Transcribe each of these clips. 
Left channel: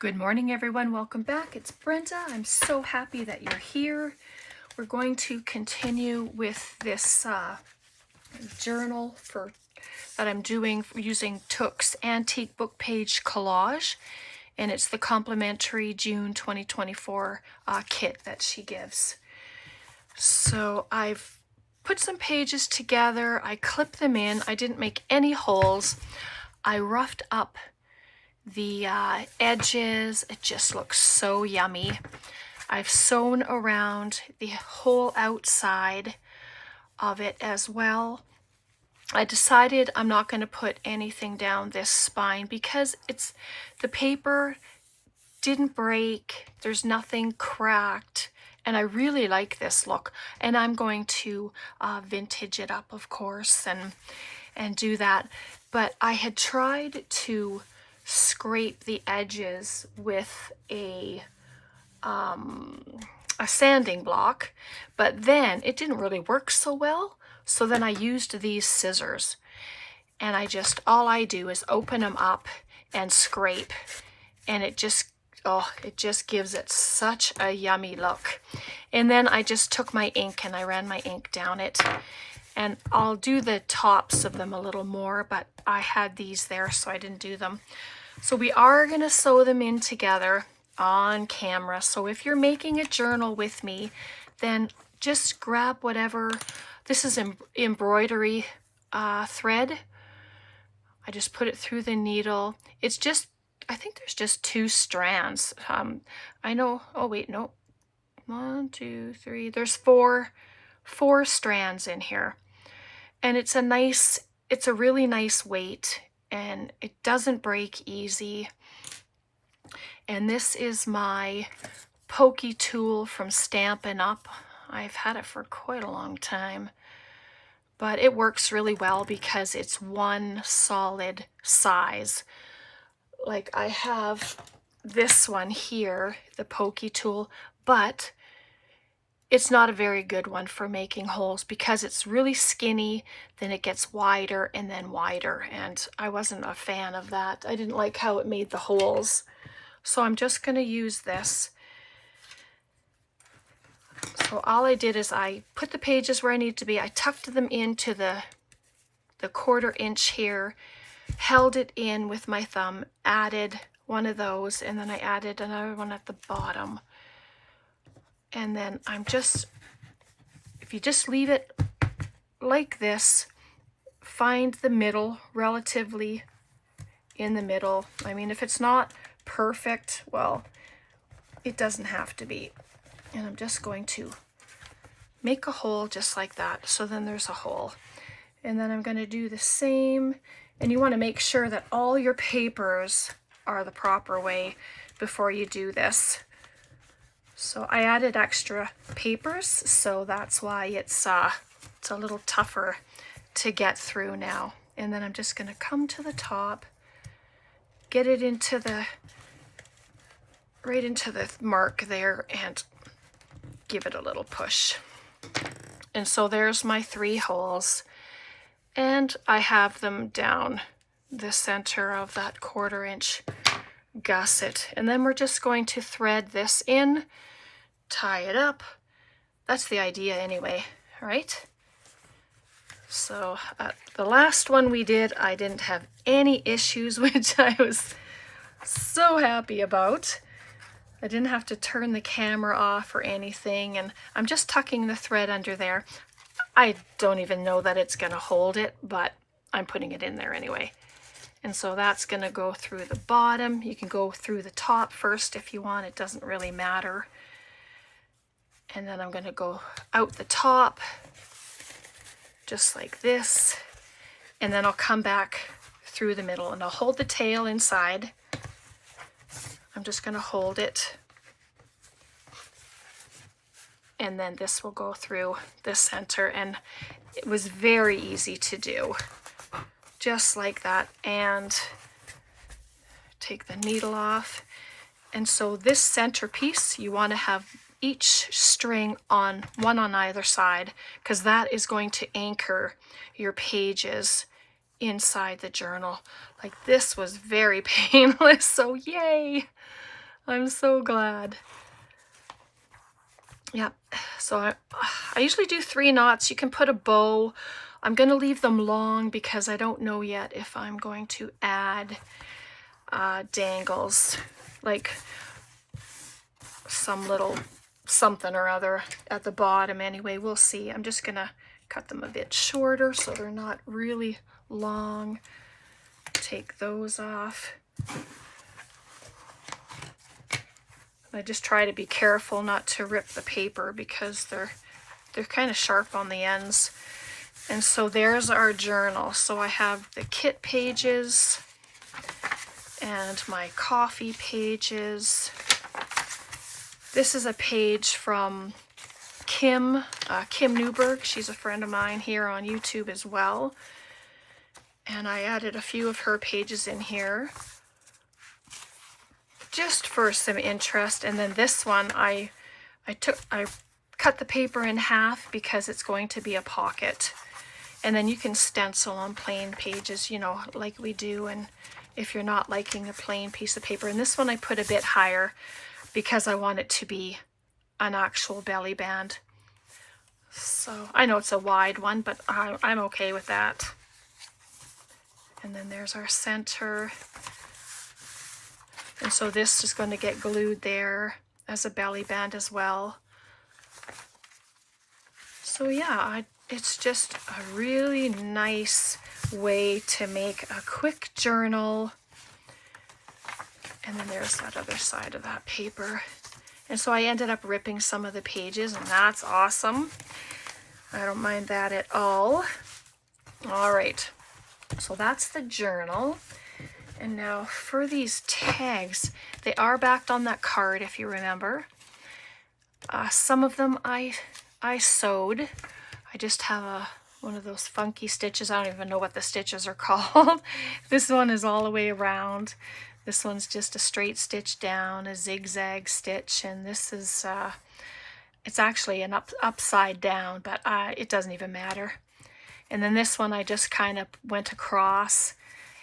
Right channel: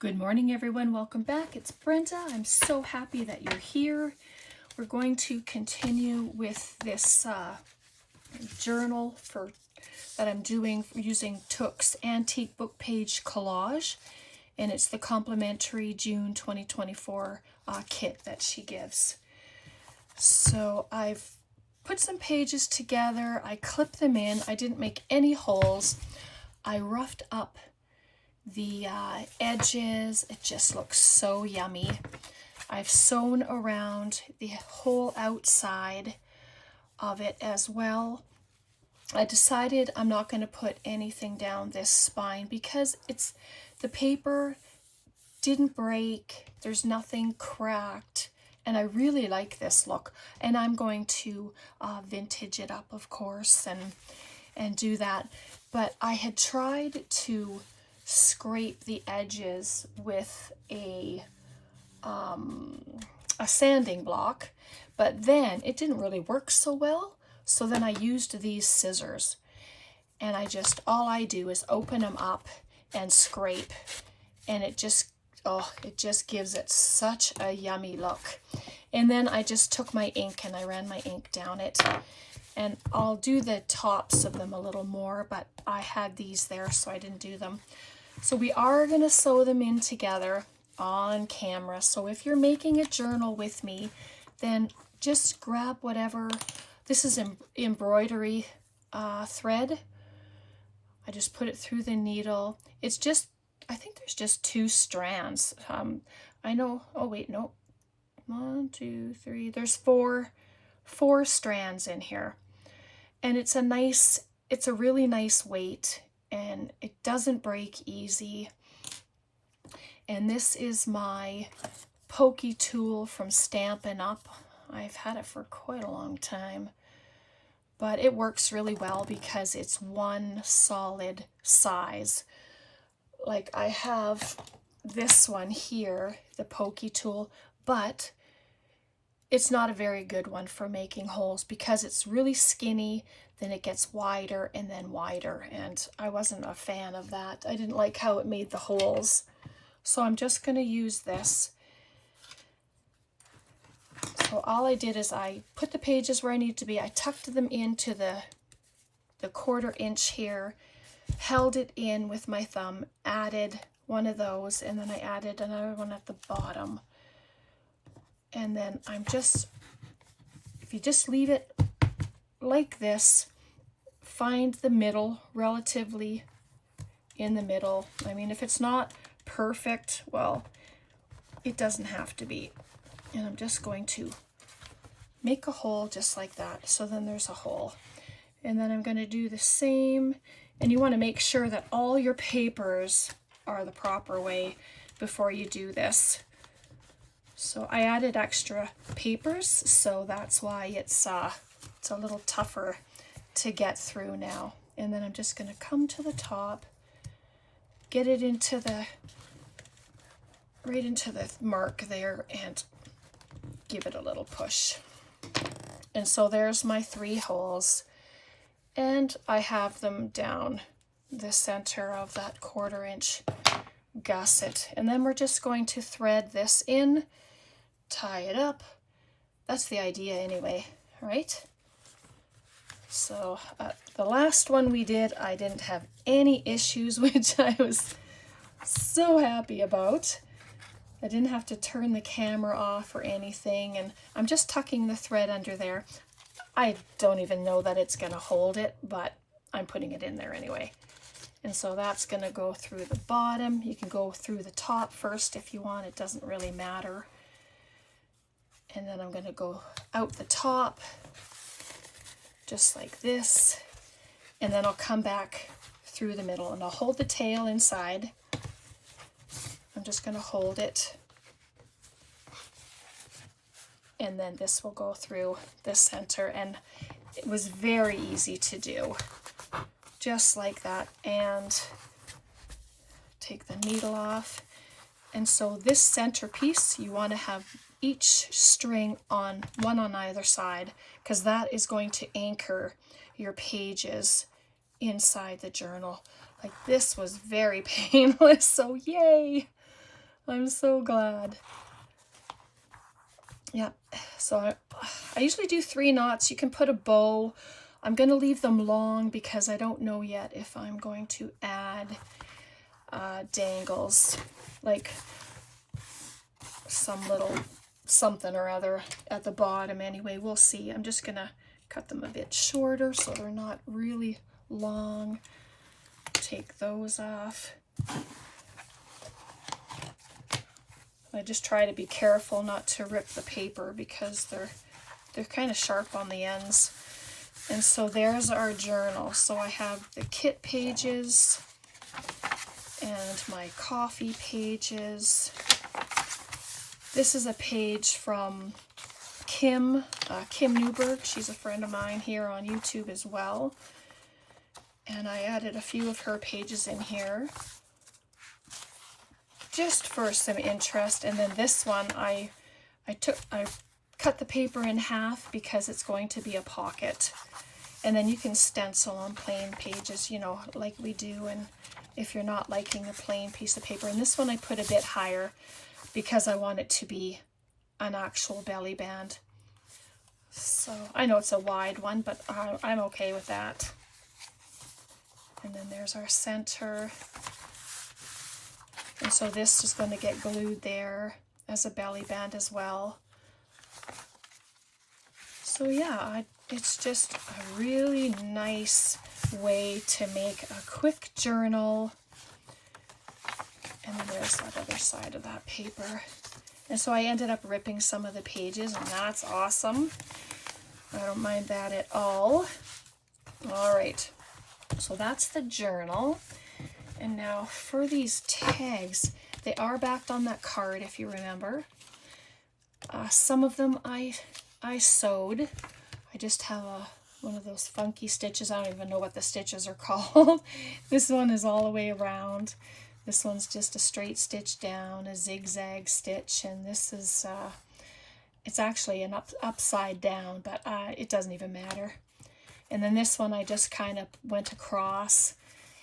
Good morning, everyone. Welcome back. It's Brenda. I'm so happy that you're here. We're going to continue with this journal that I'm doing using Took's Antique Book Page Collage, and it's the complimentary June 2024 kit that she gives. So I've put some pages together. I clipped them in. I didn't make any holes. I roughed up the edges. It just looks so yummy. I've sewn around the whole outside of it as well. I decided I'm not going to put anything down this spine because the paper didn't break, there's nothing cracked, and I really like this look. And I'm going to vintage it up, of course, and do that. But I had tried to scrape the edges with a sanding block, but then it didn't really work so well. So then I used these scissors, and all I do is open them up and scrape, and it just gives it such a yummy look. And then I just took my ink and I ran my ink down it, and I'll do the tops of them a little more, but I had these there so I didn't do them. So we are going to sew them in together on camera. So if you're making a journal with me, then just grab whatever. This is embroidery thread. I just put it through the needle. It's just, I think there's just 2 strands. I know, oh wait, no. 1, 2, 3, there's four strands in here. And it's a really nice weight, and it doesn't break easy. And this is my pokey tool from Stampin' Up. I've had it for quite a long time, but it works really well because it's one solid size. Like I have this one here, the pokey tool, but it's not a very good one for making holes because it's really skinny, then it gets wider and then wider, and I wasn't a fan of that. I didn't like how it made the holes. So I'm just going to use this. So all I did is I put the pages where I need to be. I tucked them into the 1/4 inch here, held it in with my thumb, added one of those, and then I added another one at the bottom. And then if you just leave it like this, find the middle, relatively in the middle. I mean, if it's not perfect, well, it doesn't have to be. And I'm just going to make a hole just like that. So then there's a hole. And then I'm going to do the same. And you want to make sure that all your papers are the proper way before you do this. So I added extra papers, so that's why it's a little tougher to get through now. And then I'm just going to come to the top, get it right into the mark there, and give it a little push. And so there's my 3 holes, and I have them down the center of that 1/4 inch gusset. And then we're just going to thread this in, tie it up. That's the idea anyway, right? So the last one we did, I didn't have any issues, which I was so happy about. I didn't have to turn the camera off or anything, and I'm just tucking the thread under there. I don't even know that it's going to hold it, but I'm putting it in there anyway. And so that's going to go through the bottom. You can go through the top first if you want. It doesn't really matter. And then I'm going to go out the top, just like this. And then I'll come back through the middle, and I'll hold the tail inside. I'm just going to hold it. And then this will go through the center. And it was very easy to do. Just like that. And take the needle off. And so this center piece, you want to have each string on one on either side, because that is going to anchor your pages inside the journal. Like, this was very painless, so yay! I'm so glad. Yeah, so I usually do 3 knots. You can put a bow. I'm going to leave them long because I don't know yet if I'm going to add dangles, like some little something or other at the bottom. Anyway, we'll see. I'm just going to cut them a bit shorter so they're not really long. Take those off. I just try to be careful not to rip the paper because they're kind of sharp on the ends. And so there's our journal. So I have the kit pages and my coffee pages. This is a page from Kim Newberg. She's a friend of mine here on YouTube as well. And I added a few of her pages in here, just for some interest. And then this one, I cut the paper in half because it's going to be a pocket. And then you can stencil on plain pages, you know, like we do. And if you're not liking the plain piece of paper, and this one I put a bit higher because I want it to be an actual belly band. So I know it's a wide one, but I'm okay with that. And then there's our center. And so this is going to get glued there as a belly band as well. So yeah, it's just a really nice way to make a quick journal. And then there's that other side of that paper. And so I ended up ripping some of the pages, and that's awesome. I don't mind that at all. All right, so that's the journal. And now for these tags, they are backed on that card, if you remember. Some of them I sewed. I just have one of those funky stitches. I don't even know what the stitches are called. This one is all the way around. This one's just a straight stitch down, a zigzag stitch, and this is, it's actually an upside down, but it doesn't even matter. And then this one I just kind of went across.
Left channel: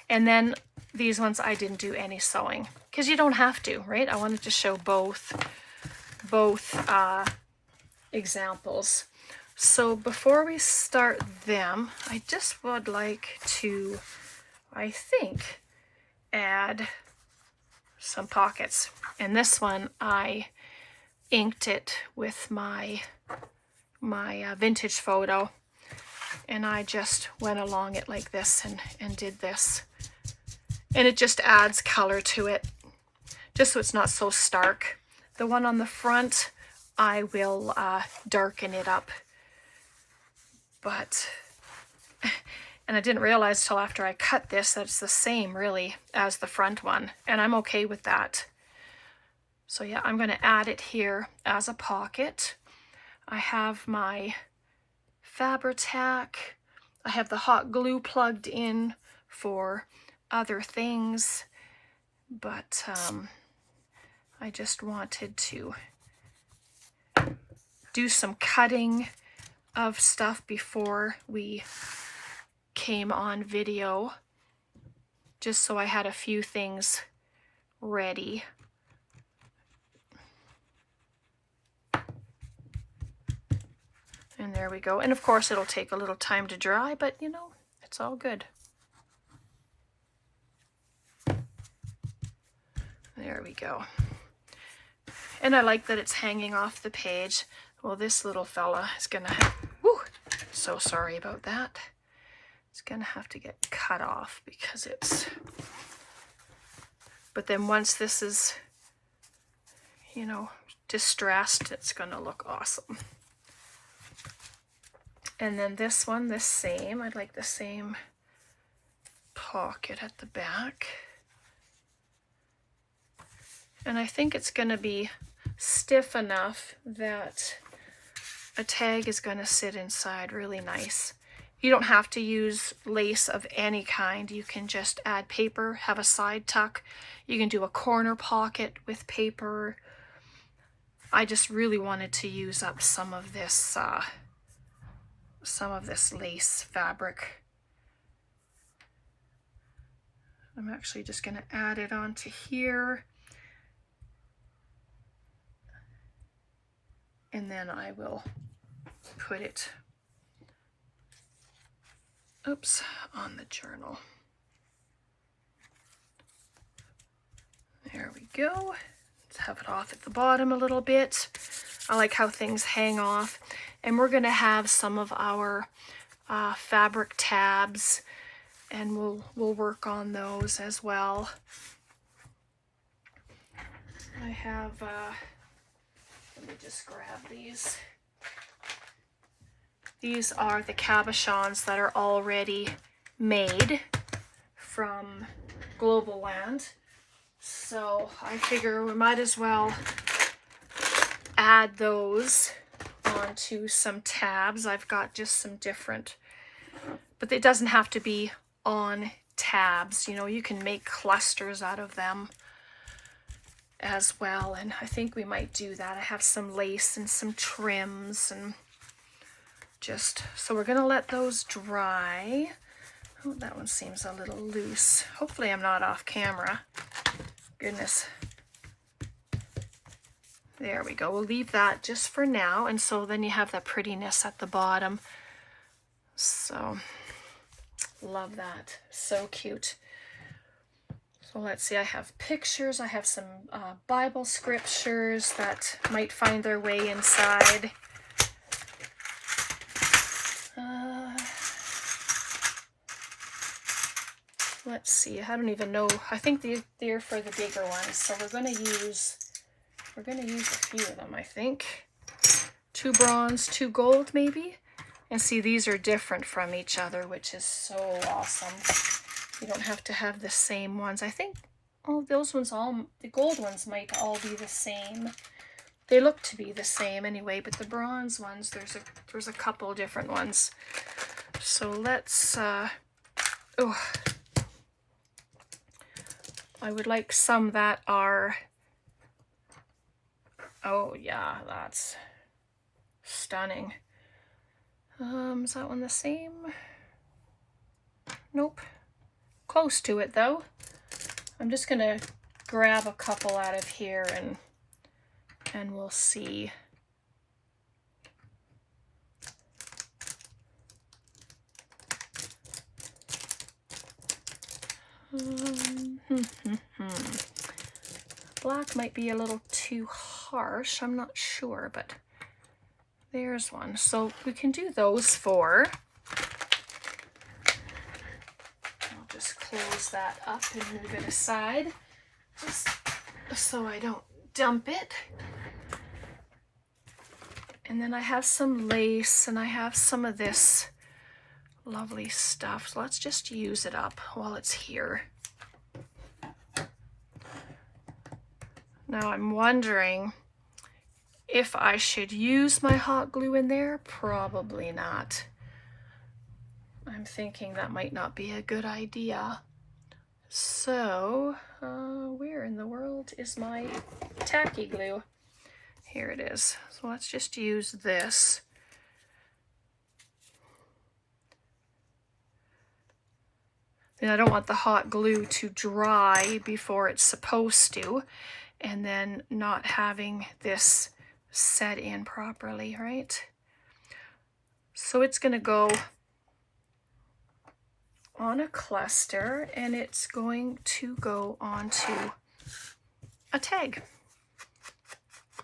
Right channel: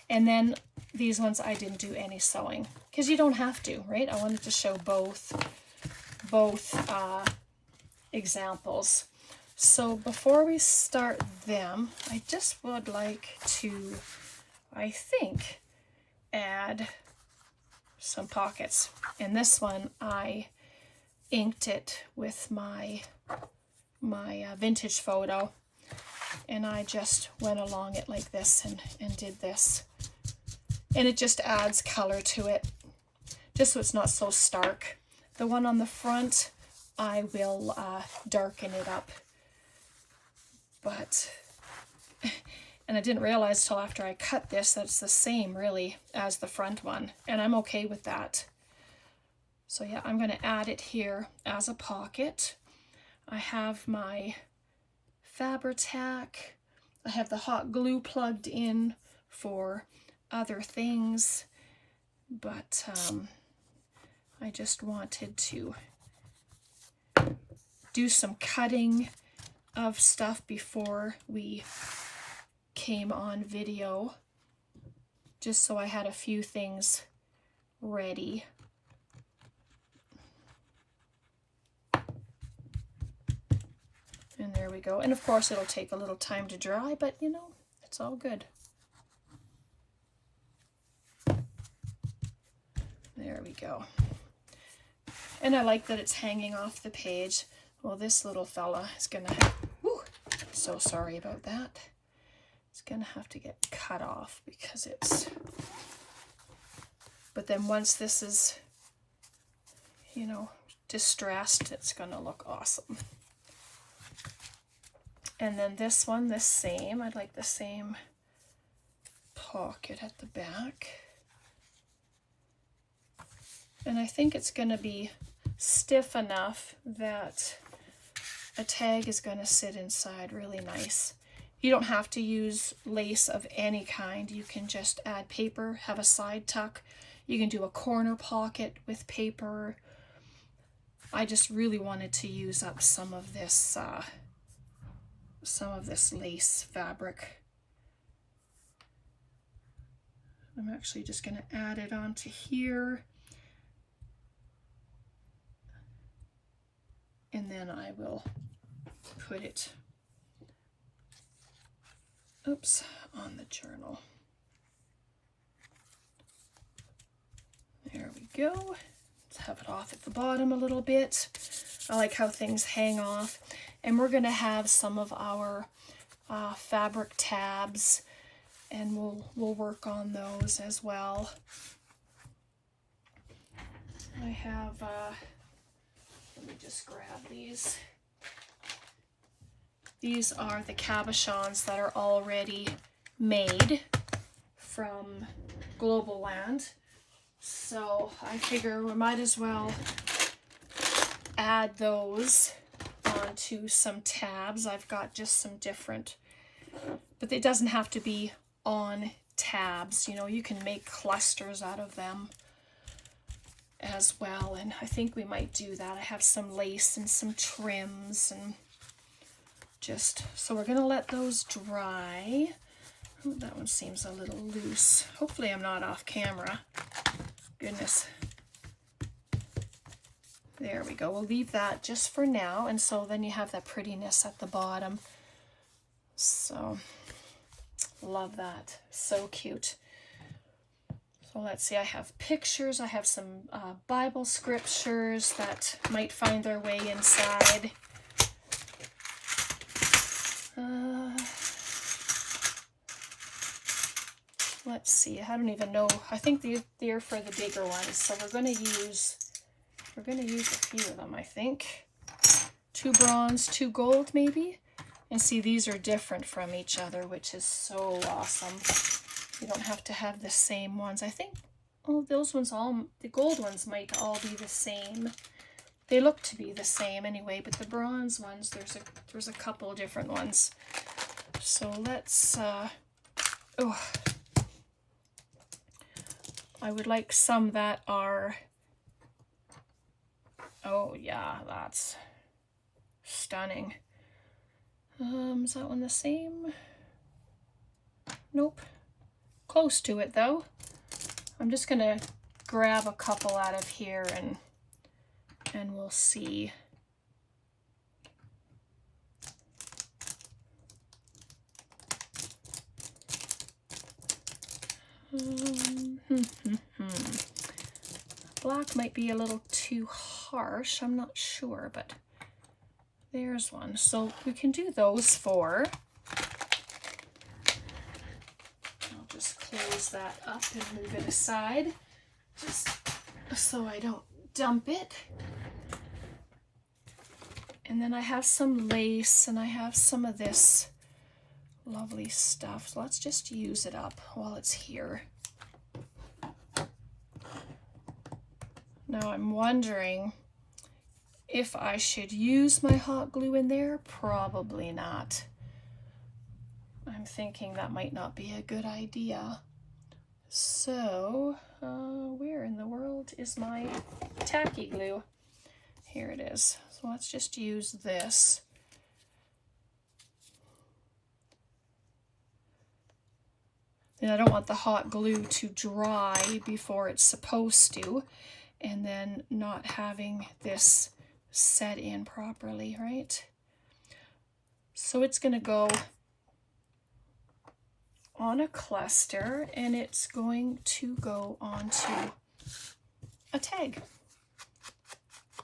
And then these ones I didn't do any sewing because you don't have to, right? I wanted to show both examples. So before we start them, I just would like to, I think, add some pockets. And this one I inked it with my vintage photo, and I just went along it like this and did this. And it just adds color to it, just so it's not so stark. The one on the front, I will darken it up. But, and I didn't realize till after I cut this that it's the same really as the front one, and I'm okay with that. So yeah, I'm going to add it here as a pocket. I have my Fabri-Tac. I have the hot glue plugged in for other things, but I just wanted to do some cutting of stuff before we came on video, just so I had a few things ready. And there we go. And of course it'll take a little time to dry, but you know, it's all good. There we go. And I like that it's hanging off the page. Well, this little fella is gonna have, whoo, so sorry about that. It's gonna have to get cut off because it's, but then once this is, you know, distressed, it's gonna look awesome. And then this one, the same. I'd like the same pocket at the back. And I think it's going to be stiff enough that a tag is going to sit inside really nice. You don't have to use lace of any kind. You can just add paper, have a side tuck. You can do a corner pocket with paper. I just really wanted to use up some of this lace fabric. I'm actually just going to add it onto here. and then I will put it, oops, on the journal. There we go. Let's have it off at the bottom a little bit. I like how things hang off. And we're gonna have some of our fabric tabs, and we'll work on those as well. I have, let me just grab these. These are the cabochons that are already made from Global Land. So I figure we might as well add those onto some tabs. I've got just some different, but it doesn't have to be on tabs. You know, you can make clusters out of them as well, and I think we might do that. I have some lace and some trims, and just, so we're gonna let those dry. Oh, that one seems a little loose. Hopefully I'm not off camera. Goodness. There we go. We'll leave that just for now, and so then you have that prettiness at the bottom. So love that. So cute. So let's see, I have pictures. I have some Bible scriptures that might find their way inside. Let's see, I don't even know. I think they're for the bigger ones. So we're gonna use a few of them, I think. 2 bronze, 2 gold maybe. And see, these are different from each other, which is so awesome. You don't have to have the same ones. I think, oh, those ones the gold ones might all be the same. They look to be the same anyway, but the bronze ones, there's a couple different ones. So let's, oh, I would like some that are, oh yeah, that's stunning. Is that one the same? Nope. Close to it though. I'm just gonna grab a couple out of here and we'll see. Black might be a little too harsh, I'm not sure, but there's one. So we can do those 4. I'll just close that up and move it aside, just so I don't dump it. And then I have some lace, and I have some of this lovely stuff. So let's just use it up while it's here. Now I'm wondering if I should use my hot glue in there. Probably not. I'm thinking that might not be a good idea. So, where in the world is my tacky glue? Here it is. So let's just use this. And I don't want the hot glue to dry before it's supposed to, and then not having this set in properly, right? So it's going to go on a cluster, and it's going to go onto a tag.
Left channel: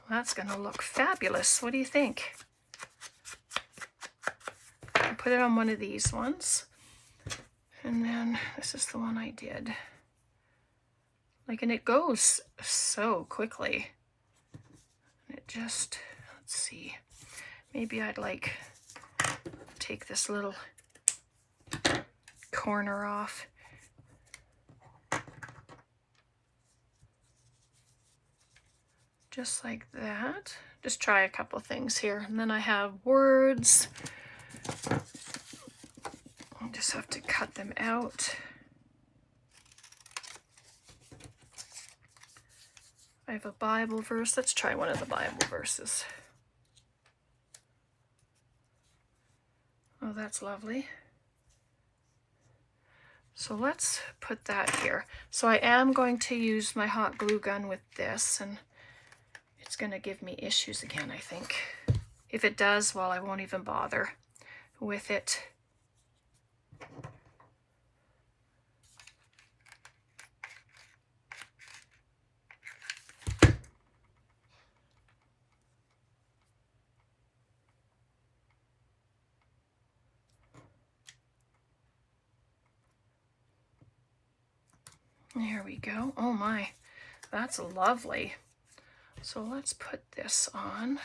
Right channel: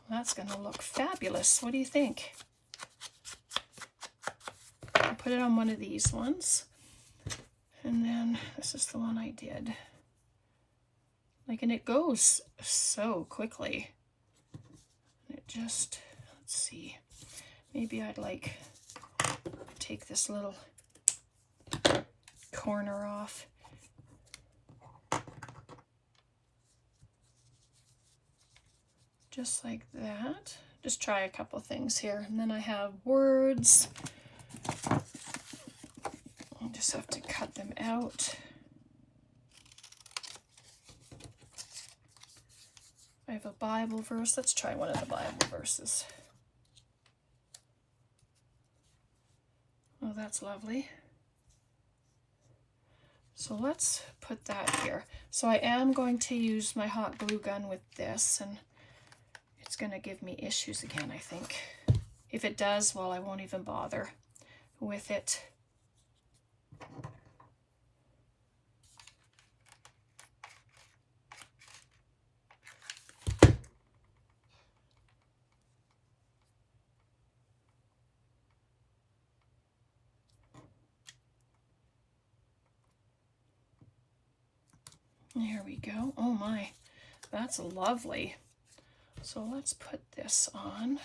That's going to look fabulous. What do you think? I'll put it on one of these ones. And then this is the one I did. Like, and it goes so quickly. It just, let's see, maybe I'd like take this little corner off. Just like that. Just try a couple things here. And then I have words. I'll just have to cut them out. I have a Bible verse. Let's try one of the Bible verses. Oh, that's lovely. So let's put that here. So I am going to use my hot glue gun with this, and It's going to give me issues again, I think. If it does, well, I won't even bother with it. There we go. Oh my, that's lovely. So let's put this on.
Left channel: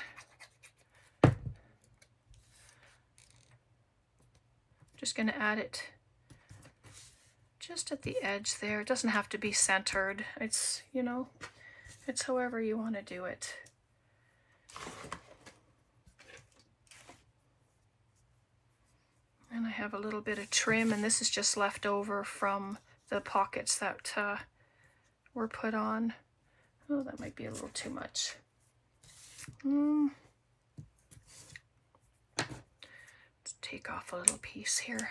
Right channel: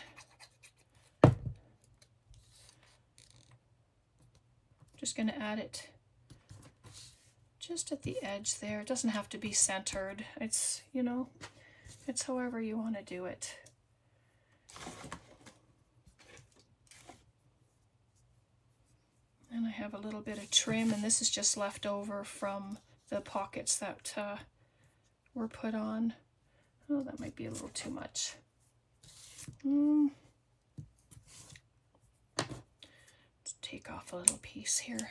Just going to add it just at the edge there. It doesn't have to be centered. It's, you know, it's however you want to do it. And I have a little bit of trim, and this is just left over from the pockets that were put on. Oh, that might be a little too much. Let's take off a little piece here.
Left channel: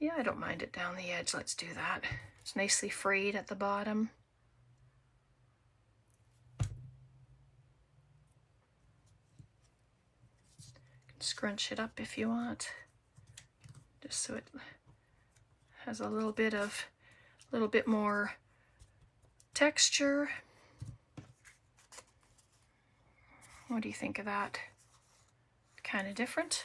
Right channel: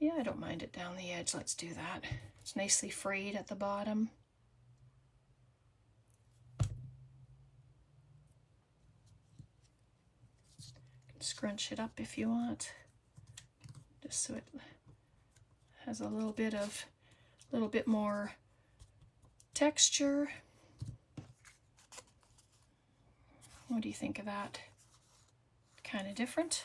Yeah, I don't mind it down the edge. Let's do that. It's nicely frayed at the bottom. Scrunch it up if you want, just so it has a little bit more texture. What do you think of that? Kind of different.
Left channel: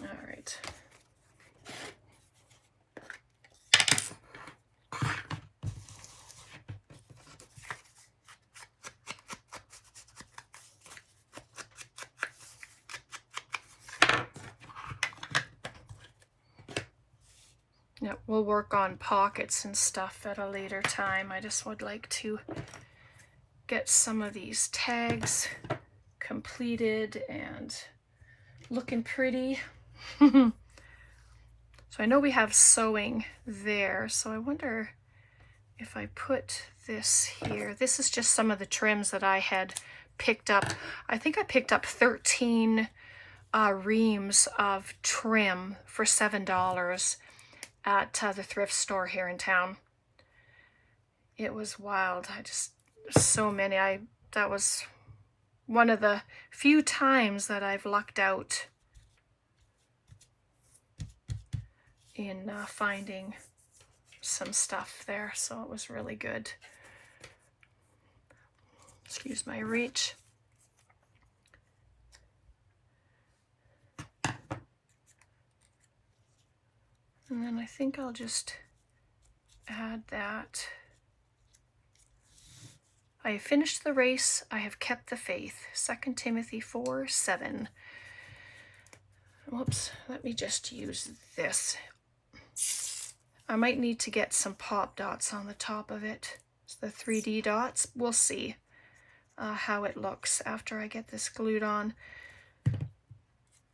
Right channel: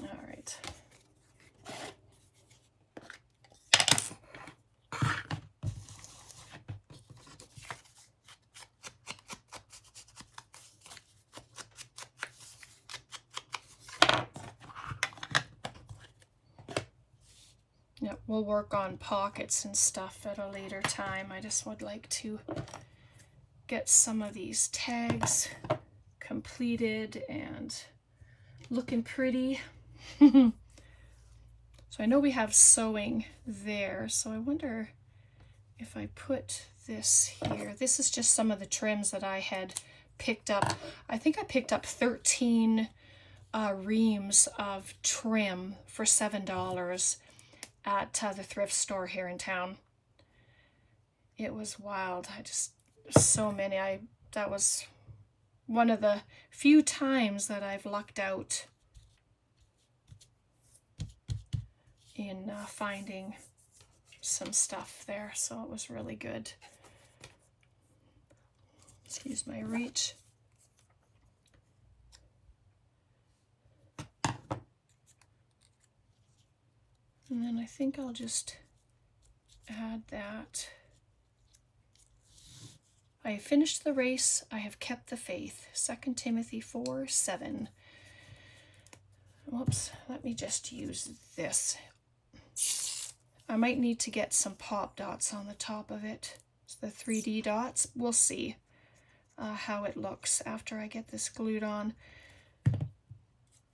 All right. Yep, we'll work on pockets and stuff at a later time. I just would like to get some of these tags completed and looking pretty. So I know we have sewing there, so I wonder if I put this here. This is just some of the trims that I had picked up. I think I picked up 13 reams of trim for $7 at the thrift store here in town. It was wild. So many. That was one of the few times that I've lucked out in finding some stuff there, so it was really good. Excuse my reach. And then I think I'll just add that. I have finished the race, I have kept the faith. 2 Timothy 4:7. Whoops, let me just use this. I might need to get some pop dots on the top of it. It's the 3D dots. We'll see how it looks after I get this glued on.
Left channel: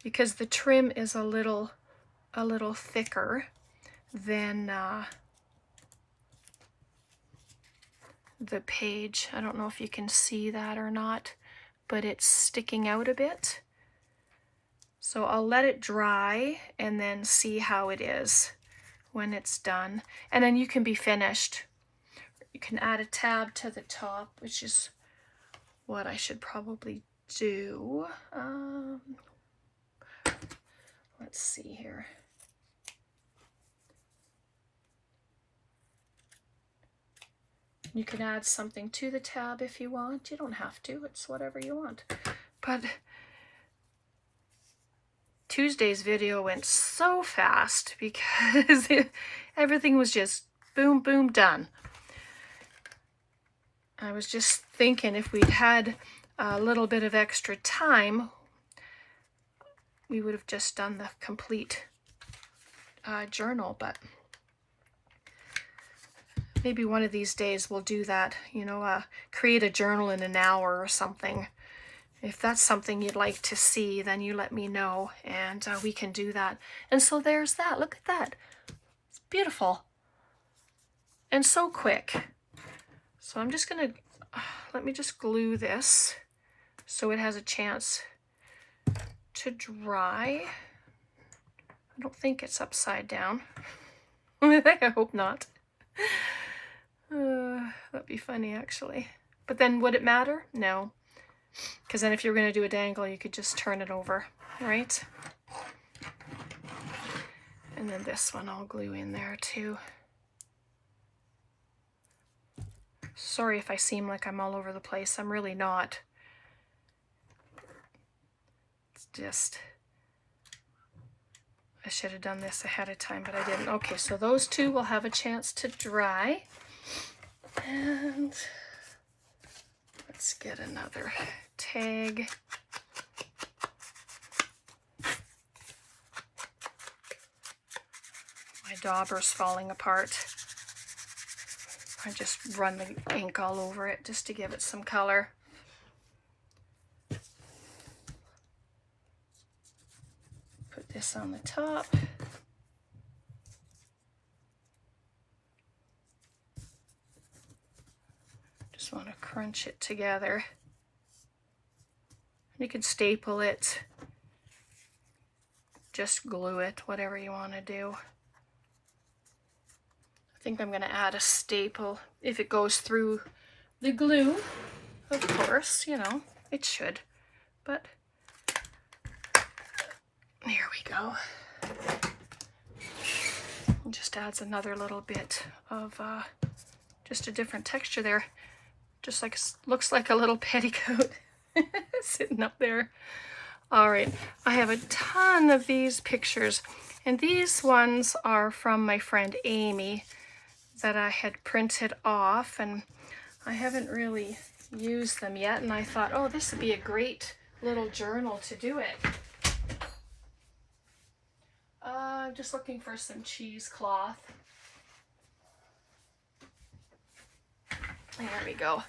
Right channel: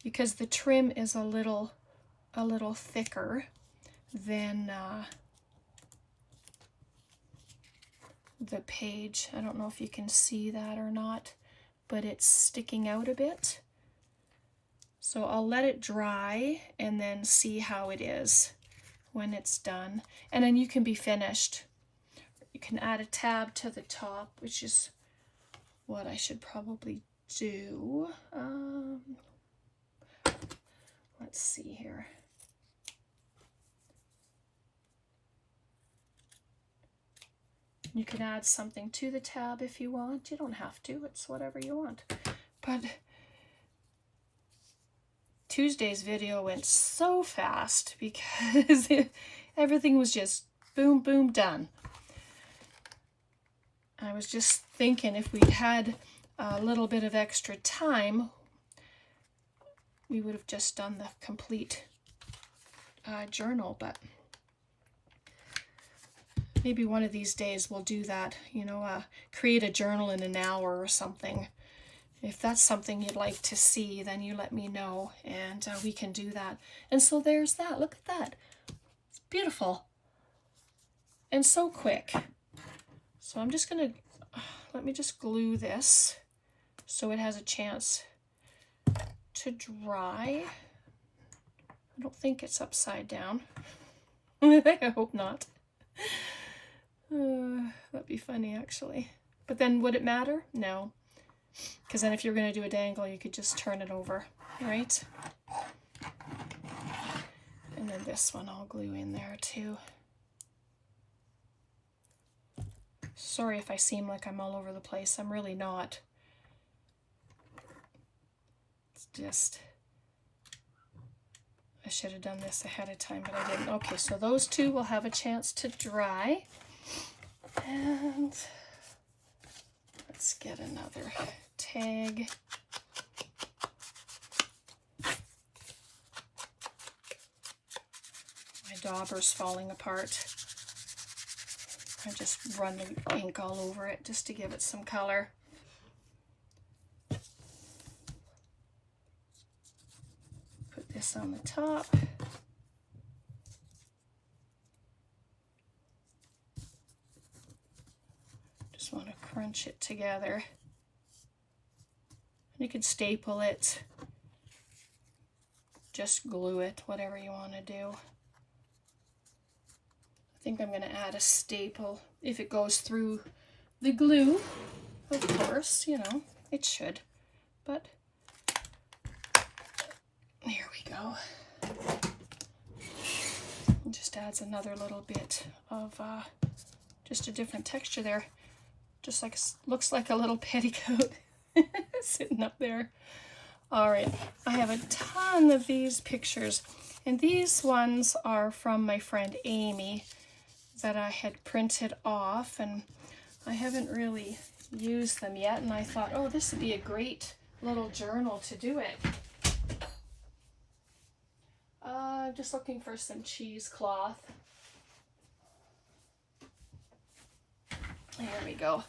Because the trim is a little thicker than the page. I don't know if you can see that or not, but it's sticking out a bit. So I'll let it dry and then see how it is when it's done. And then you can be finished. You can add a tab to the top, which is what I should probably do. Let's see here. You can add something to the tab if you want. You don't have to. It's whatever you want. But Tuesday's video went so fast because everything was just boom, boom, done. I was just thinking if we'd had a little bit of extra time, we would have just done the complete journal, but maybe one of these days we'll do that, you know, create a journal in an hour or something. If that's something you'd like to see, then you let me know and we can do that. And so there's that. Look at that. It's beautiful and so quick. So I'm just gonna, let me just glue this so it has a chance to dry. I don't think it's upside down. I hope not. That'd be funny actually. But then would it matter? No. Because then if you're gonna do a dangle, you could just turn it over, right? And then this one I'll glue in there too. Sorry if I seem like I'm all over the place. I'm really not. It's just, I should have done this ahead of time, but I didn't. Okay, so those two will have a chance to dry. And let's get another tag. My dauber's falling apart. I just run the ink all over it just to give it some color. Put this on the top. Just want to crunch it together. You can staple it, just glue it, whatever you want to do. I think I'm going to add a staple if it goes through the glue, of course, you know, it should, but there we go. It just adds another little bit of just a different texture there. Just like, looks like a little petticoat sitting up there. All right, I have a ton of these pictures, and these ones are from my friend Amy that I had printed off, and I haven't really used them yet, and I thought, oh, this would be a great little journal to do it. I'm just looking for some cheesecloth. There we go.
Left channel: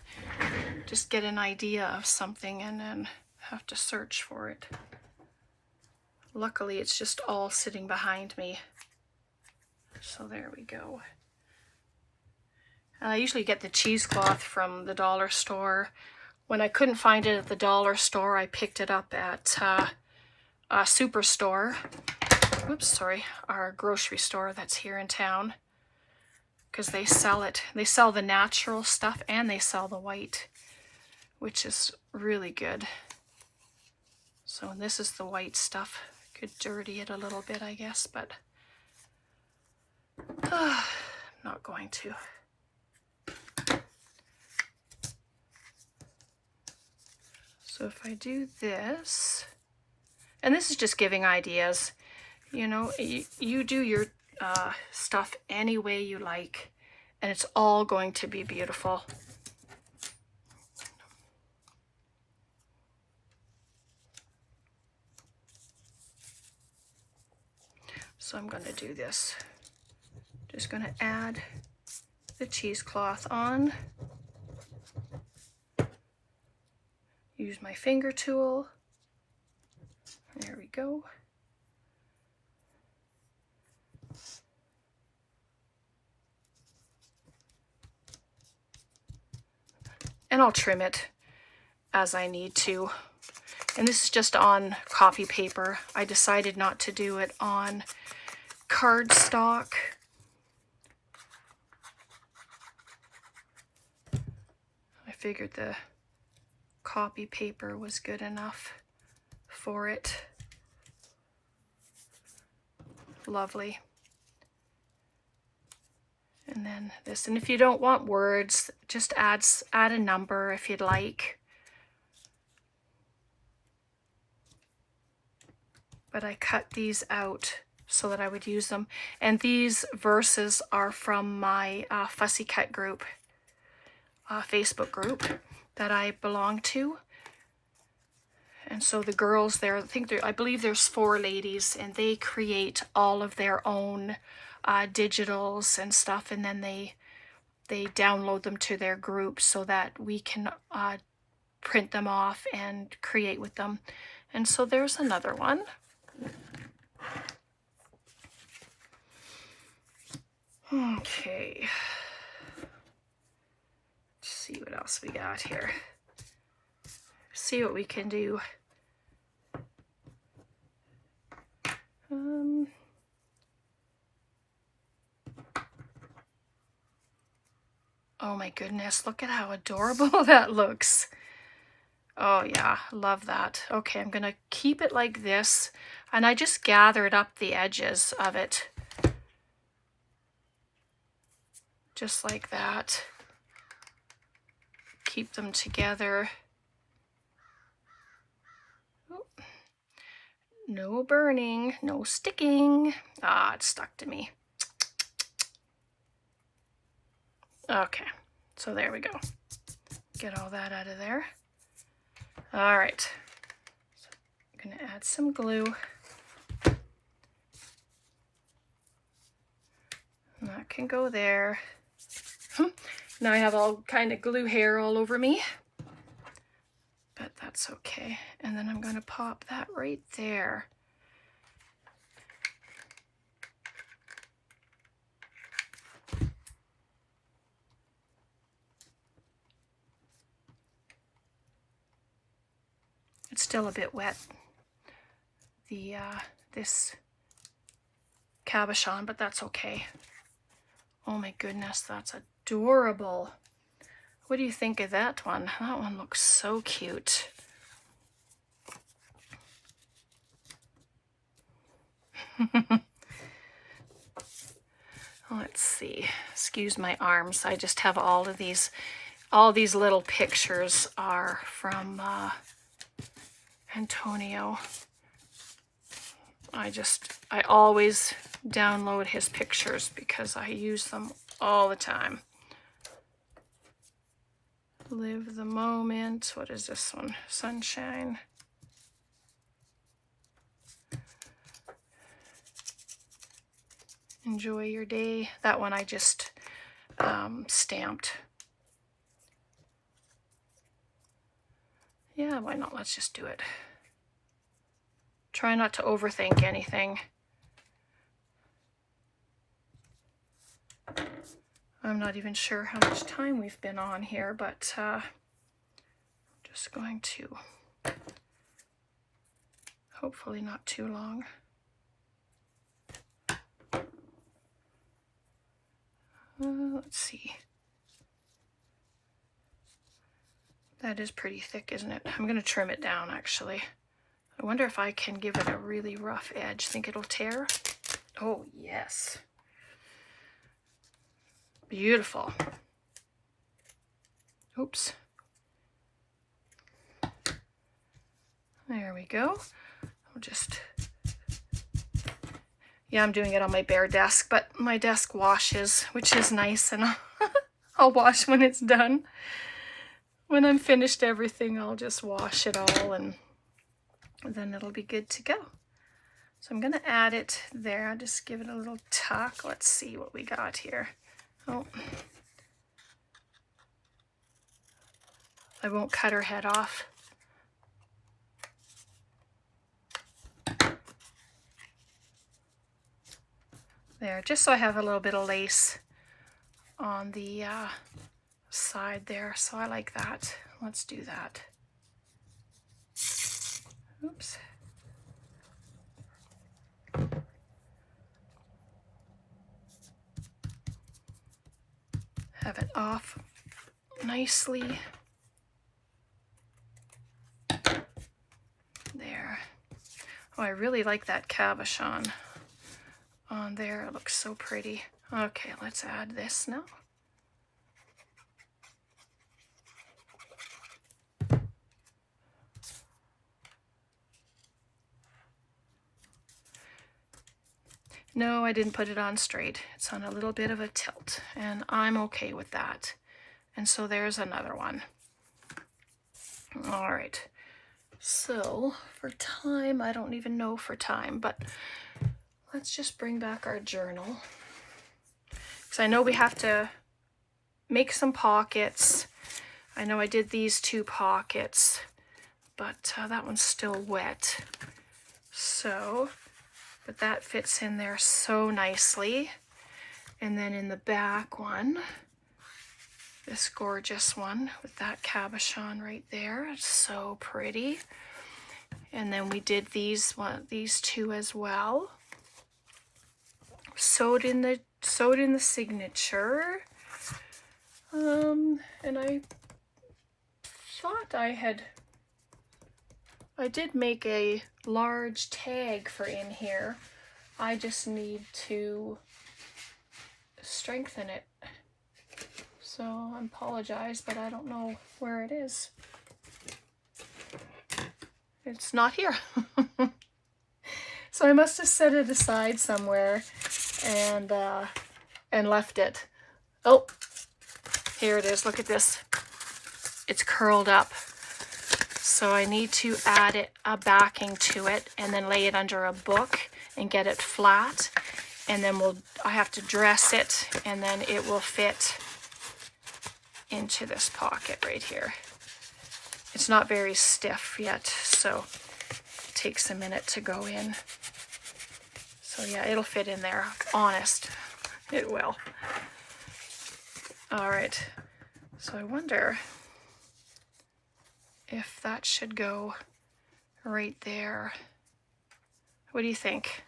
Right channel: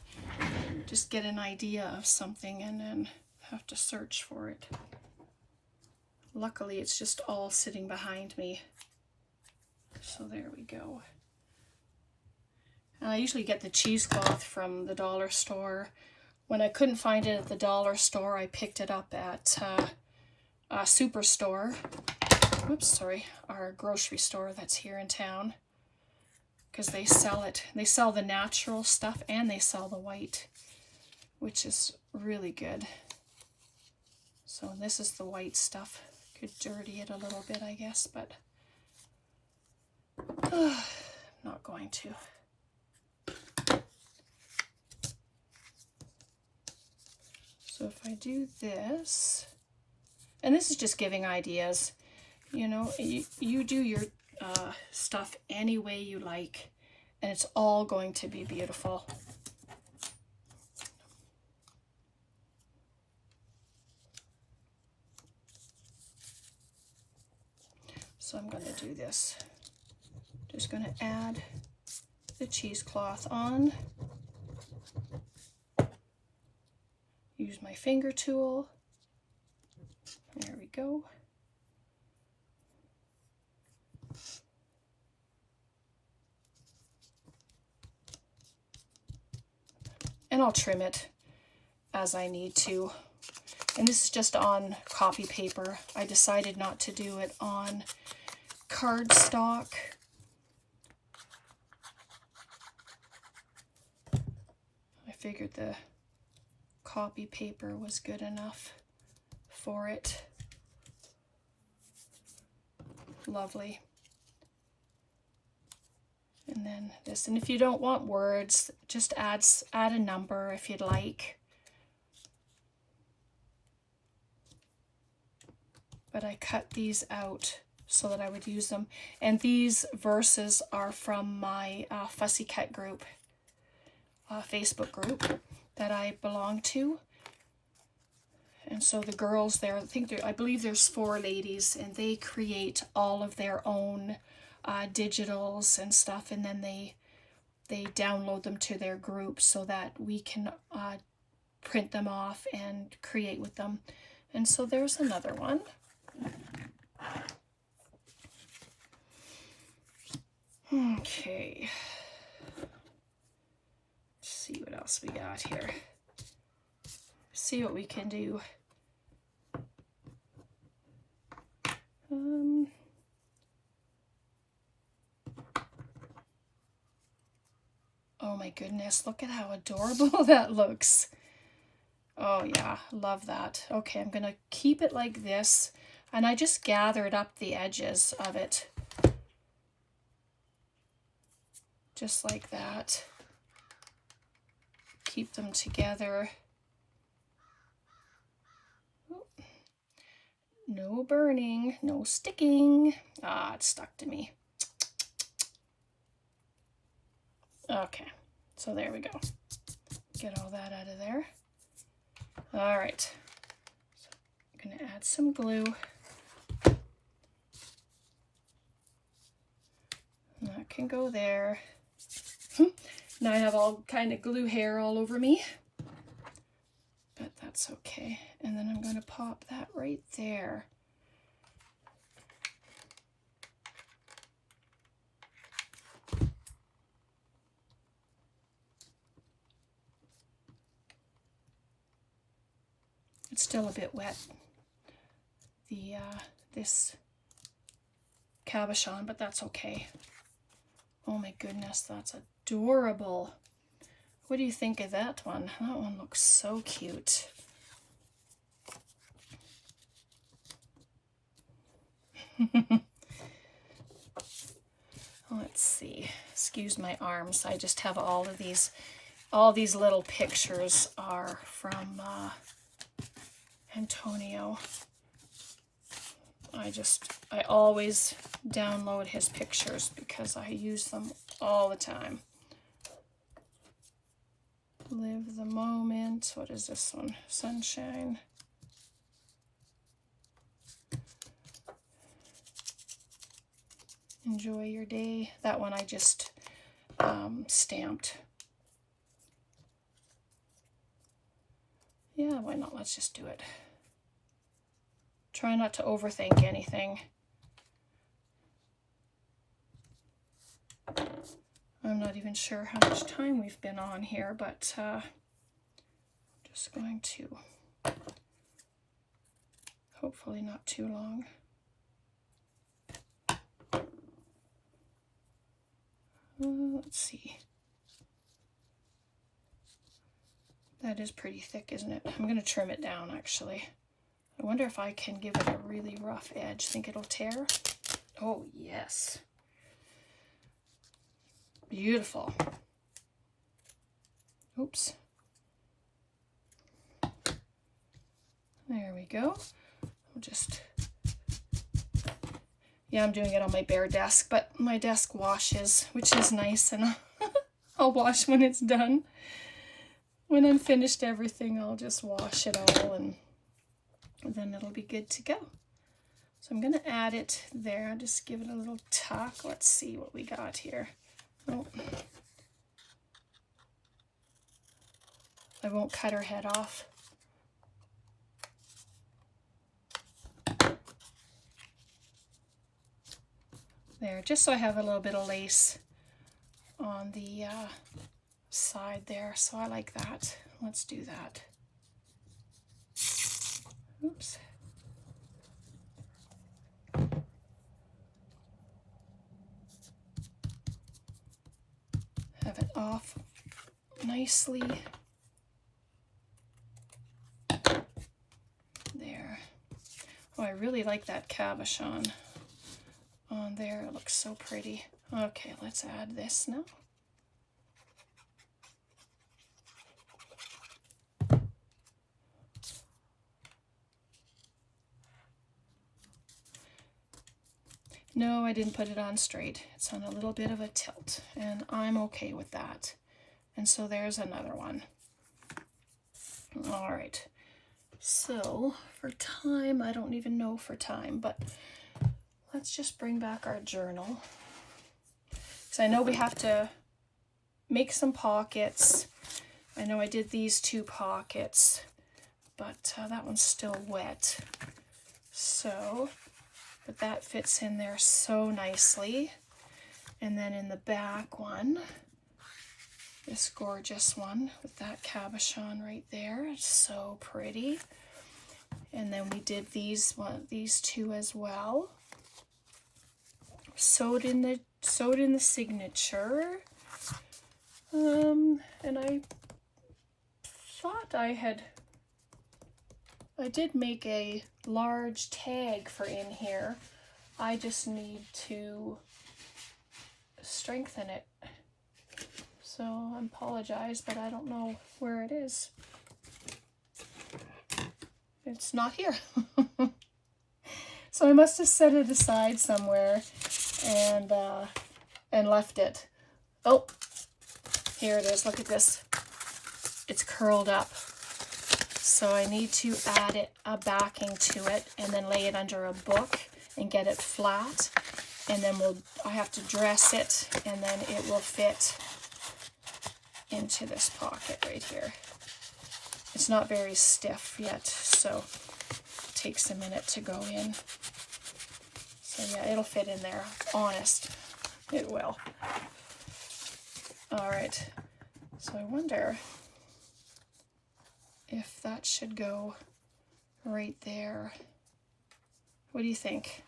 Just get an idea of something and then have to search for it. Luckily, it's just all sitting behind me. So there we go. And I usually get the cheesecloth from the dollar store. When I couldn't find it at the dollar store, I picked it up at a Superstore. Oops, sorry, our grocery store that's here in town. Because they sell it. They sell the natural stuff and they sell the white, which is really good. So this is the white stuff. Could dirty it a little bit, I guess, but not going to. So if I do this, and this is just giving ideas, you know, you do your stuff any way you like, and it's all going to be beautiful. So I'm going to do this. Just going to add the cheesecloth on. Use my finger tool. There we go. And I'll trim it as I need to. And this is just on copy paper. I decided not to do it on cardstock. I figured the copy paper was good enough for it. Lovely. And then this, and if you don't want words, just add a number if you'd like. But I cut these out so that I would use them. And these verses are from my Fussy Cut group, Facebook group that I belong to. And so the girls there, I believe there's 4 ladies, and they create all of their own digitals and stuff, and then they download them to their group so that we can print them off and create with them. And so there's another one. Okay, let's see what else we got here. See what we can do. Oh my goodness, look at how adorable that looks. Oh yeah, love that. Okay, I'm gonna keep it like this, and I just gathered up the edges of it. Just like that. Keep them together. No burning, no sticking. Ah, it stuck to me. Okay, so there we go. Get all that out of there. All right, so I'm gonna add some glue. And that can go there. Now I have all kind of glue hair all over me, but that's okay. And then I'm gonna pop that right there. It's still a bit wet, this cabochon, but that's okay. Oh my goodness, that's adorable. What do you think of that one? That one looks so cute. Let's see. Excuse my arms. I just have all these little pictures are from Antonio. I always download his pictures because I use them all the time. Live the moment. What is this one? Sunshine. Enjoy your day. That one I just stamped. Yeah, why not? Let's just do it. Try not to overthink anything. I'm not even sure how much time we've been on here, but I'm just going to, hopefully not too long. Let's see. That is pretty thick, isn't it? I'm going to trim it down, actually. I wonder if I can give it a really rough edge. Think it'll tear? Oh, yes. Beautiful. Oops. There we go. I'll just... Yeah, I'm doing it on my bare desk, but my desk washes, which is nice, and I'll wash when it's done. When I'm finished everything, I'll just wash it all, and then it'll be good to go. So I'm going to add it there. I'll just give it a little tuck. Let's see what we got here. Oh, I won't cut her head off. There, just so I have a little bit of lace on the side there, so I like that. Let's do that. Oops. Have it off nicely. There. Oh, I really like that cabochon on there. It looks so pretty. Okay, let's add this now. No, I didn't put it on straight. It's on a little bit of a tilt, and I'm okay with that. And so there's another one. All right. So for time, I don't even know for time, but let's just bring back our journal. Because I know we have to make some pockets. I know I did these 2 pockets, but that one's still wet. So, but that fits in there so nicely. And then in the back one, this gorgeous one with that cabochon right there. It's so pretty. And then we did these two as well. Sewed in the signature. And I thought I did make a large tag for in here. I just need to strengthen it. So I apologize, but I don't know where it is. It's not here. So I must have set it aside somewhere and left it. Oh, here it is. Look at this. It's curled up. So I need to add a backing to it and then lay it under a book and get it flat. And then I have to dress it, and then it will fit into this pocket right here. It's not very stiff yet, so it takes a minute to go in. So yeah, it'll fit in there. Honest, it will. All right, so I wonder if that should go right there. What do you think?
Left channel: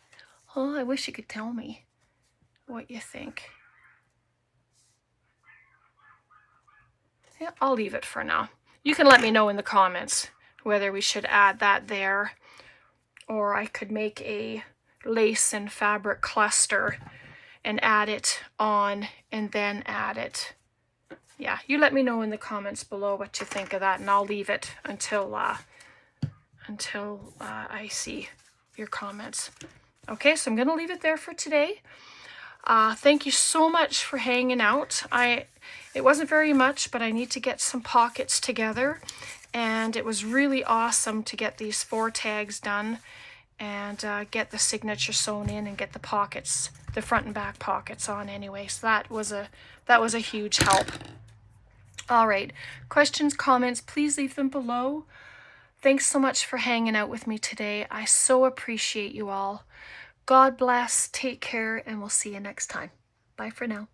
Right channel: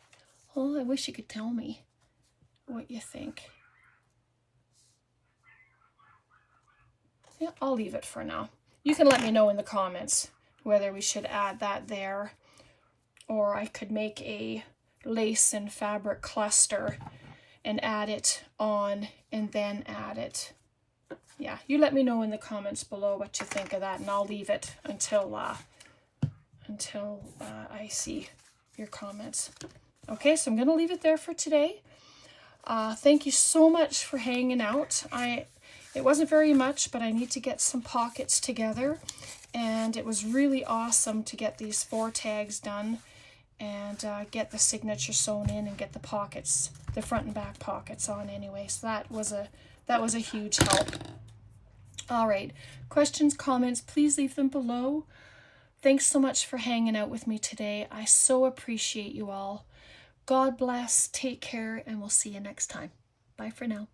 Oh, I wish you could tell me what you think. Yeah, I'll leave it for now. You can let me know in the comments whether we should add that there, or I could make a lace and fabric cluster and add it on and then add it. Yeah, you let me know in the comments below what you think of that, and I'll leave it until I see your comments. Okay, so I'm going to leave it there for today. Thank you so much for hanging out. It wasn't very much, but I need to get some pockets together, and it was really awesome to get these 4 tags done and get the signature sewn in and get the pockets, the front and back pockets on anyway. So that was a huge help. All right, questions, comments, please leave them below. Thanks so much for hanging out with me today. I so appreciate you all. God bless, take care, and we'll see you next time. Bye for now.